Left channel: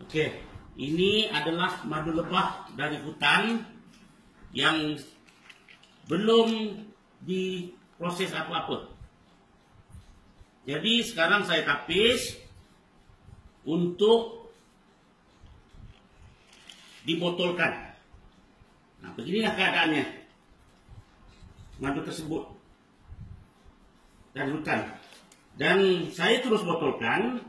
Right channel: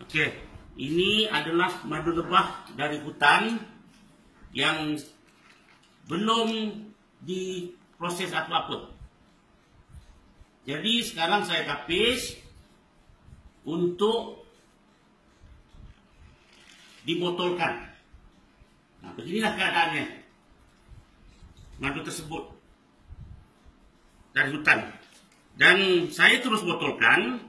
Okey, ini adalah madu lebah dari hutan yang belum diproses apa-apa. Jadi sekarang saya tapis untuk dibotolkan. Nah, beginilah keadaannya madu tersebut dari hutan. Dan saya terus botolkan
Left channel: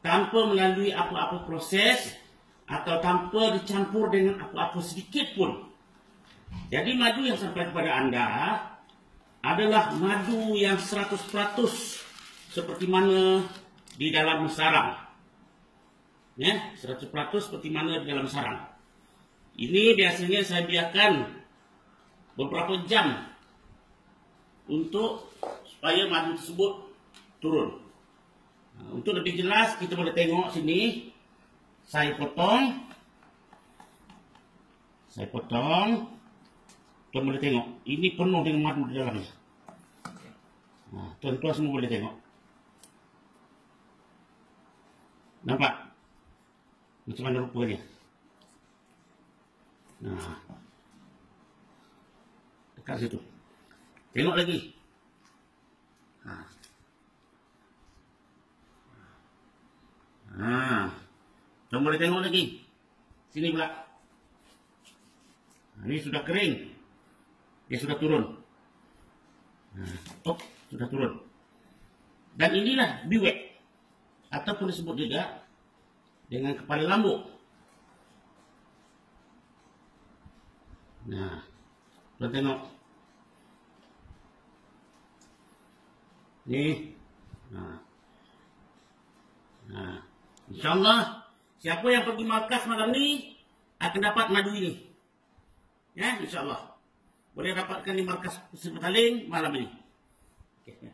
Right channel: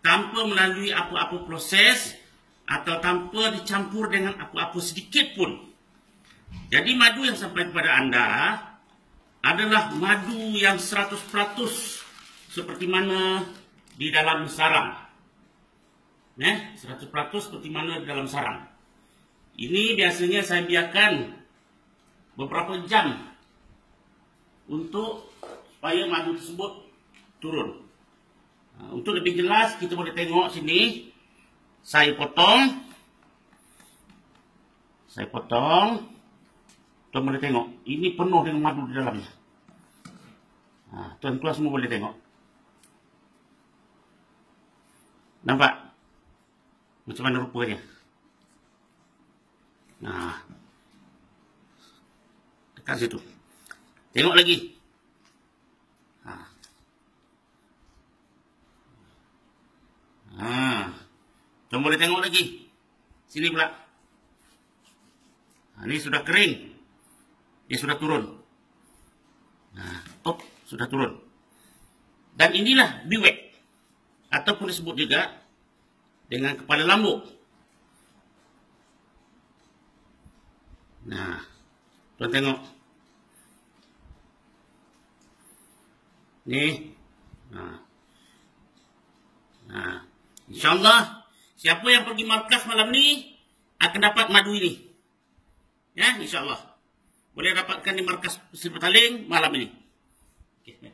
tanpa melalui apa-apa proses atau tanpa dicampur dengan apa-apa sedikit pun. Jadi madu yang sampai kepada anda adalah madu yang 100% seperti mana di dalam sarang. 100% seperti mana di dalam sarang. Ini biasanya saya biarkan beberapa jam untuk supaya madu tersebut turun. Untuk lebih jelas kita boleh tengok sini. Saya potong. Tuan boleh tengok. Ini penuh dengan madu di dalamnya. Tuan-tuan semua boleh tengok. Nampak? Macam mana rupanya? Nah. Dekat situ. Tengok lagi. Tuan boleh tengok lagi. Sini pula. Ini sudah kering. Dia sudah turun. Sudah turun. Dan inilah biwek. Ataupun disebut juga dengan kepala lambu. Nah, tuan tengok. Ni. InsyaAllah, siapa yang pergi markas malam ni akan dapat madu ini. Ya, insyaAllah. Boleh dapatkan di markas Pasir Petaling malam ini. Okay.